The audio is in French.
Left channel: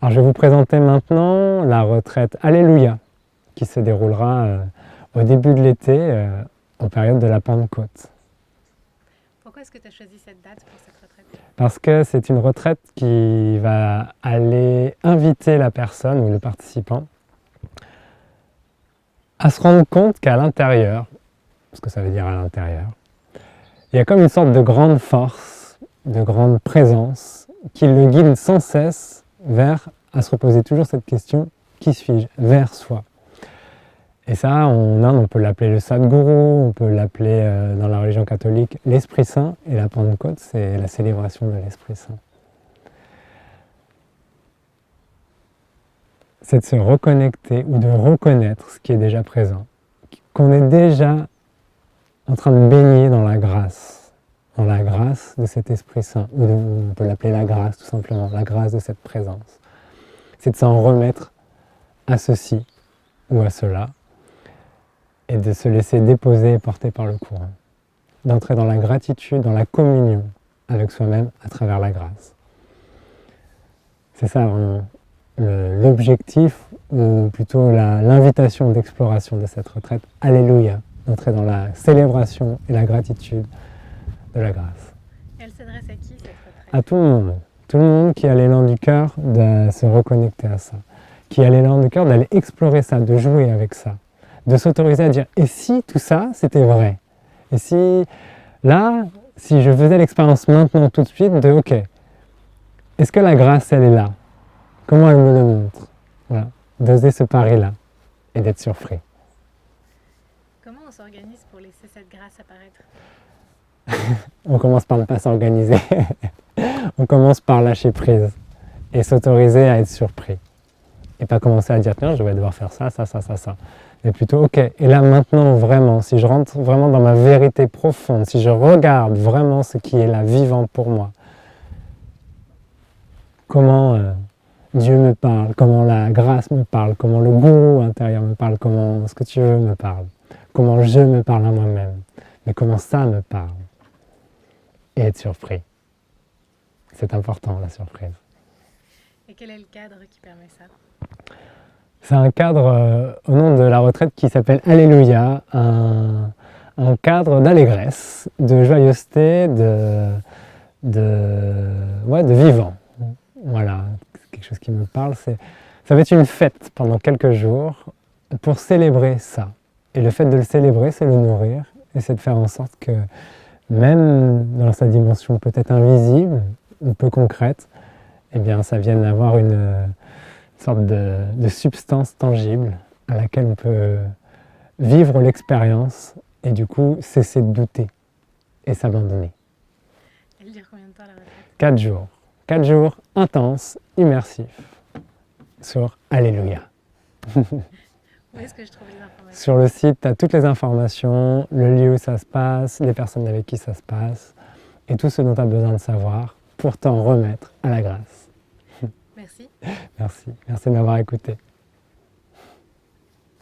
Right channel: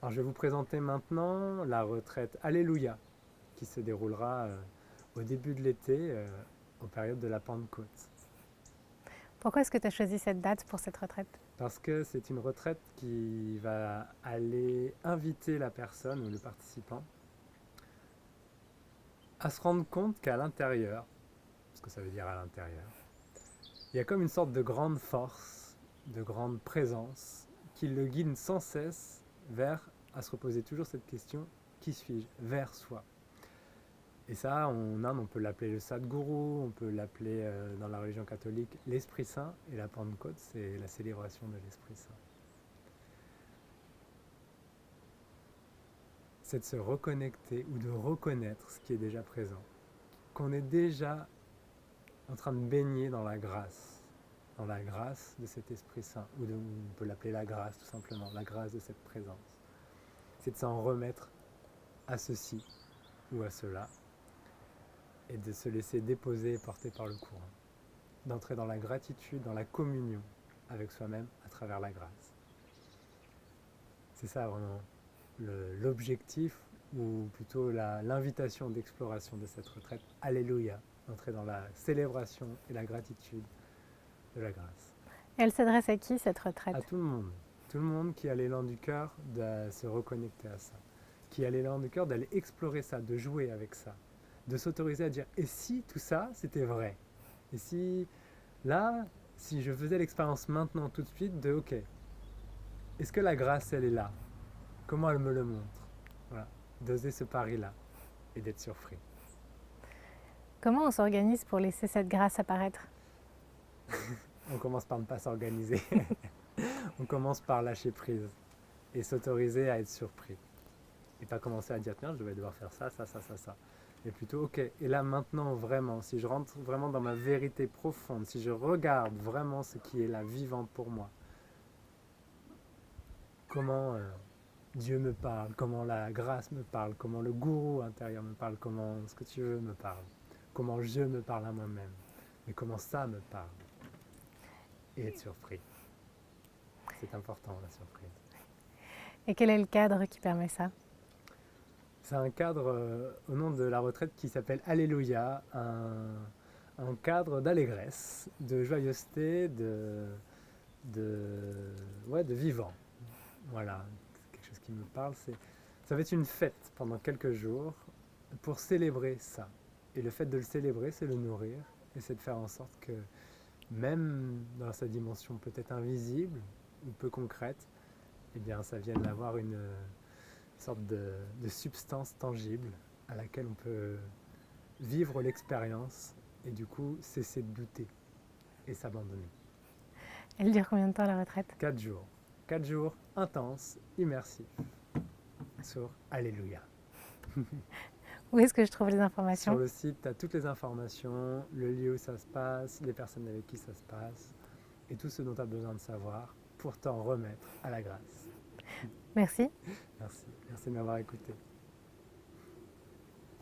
Alors je vais vous présenter maintenant la retraite Alléluia qui se déroulera au début de l'été, en période de la Pentecôte. Pourquoi est-ce que tu as choisi cette date pour cette retraite? Parce que c'est une retraite qui va aller inviter la personne ou le participant à se rendre compte qu'à l'intérieur, ce que ça veut dire à l'intérieur, il y a comme une sorte de grande force, de grande présence qui le guide sans cesse vers, à se reposer toujours cette question, qui suis-je? Vers soi. Et ça, en Inde, on peut l'appeler le Sadguru, on peut l'appeler dans la religion catholique l'Esprit Saint, et la Pentecôte, c'est la célébration de l'Esprit Saint. C'est de se reconnecter ou de reconnaître ce qui est déjà présent, qu'on est déjà en train de baigner dans la grâce de cet Esprit Saint, ou on peut l'appeler la grâce tout simplement, la grâce de cette présence. C'est de s'en remettre à ceci ou à cela, et de se laisser déposer et porter par le courant. D'entrer dans la gratitude, dans la communion avec soi-même à travers la grâce. C'est ça vraiment l'objectif, ou plutôt l'invitation d'exploration de cette retraite. Alléluia, d'entrer dans la célébration et la gratitude de la grâce. Et elle s'adresse à qui cette retraite? À tout le monde. Tout le monde qui a l'élan du cœur de se reconnecter à ça. Qui a l'élan du cœur d'aller explorer ça, de jouer avec ça. De s'autoriser à dire « et si tout ça, c'était vrai ?» Et si, là, si je faisais l'expérience maintenant, tout de suite, de « ok, est-ce que la grâce, elle est là? Comment elle me le montre ?» Voilà, d'oser ce pari-là et d'être surpris. Comment on s'organise pour laisser cette grâce apparaître? On commence par ne pas s'organiser. On commence par lâcher prise et s'autoriser à être surpris. Et pas commencer à dire « tiens, je vais devoir faire ça, ça, ça, ça, ça ». Mais plutôt, ok, et là maintenant vraiment, si je rentre vraiment dans ma vérité profonde, si je regarde vraiment ce qui est là vivant pour moi, comment Dieu me parle, comment la grâce me parle, comment le gourou intérieur me parle, comment ce que tu veux me parle, comment je me parle à moi-même, mais comment ça me parle. Et être surpris. C'est important, la surprise. Et quel est le cadre qui permet ça? C'est un cadre au nom de la retraite qui s'appelle Alléluia, un cadre d'allégresse, de joyeuseté, de vivant. Voilà, quelque chose qui me parle. Ça va être une fête pendant quelques jours pour célébrer ça. Et le fait de le célébrer, c'est le nourrir, et c'est de faire en sorte que, même dans sa dimension peut-être invisible ou peu concrète, eh bien, ça vienne avoir une sorte de substance tangible à laquelle on peut vivre l'expérience et du coup cesser de douter et s'abandonner. Elle dure combien de temps la retraite? 4 jours. 4 jours intenses, immersifs, sur Alléluia. Où est-ce que je trouve les informations? Sur le site, tu as toutes les informations, le lieu où ça se passe, les personnes avec qui ça se passe, et tout ce dont tu as besoin de savoir pour t'en remettre à la grâce. Merci. Merci de m'avoir écouté.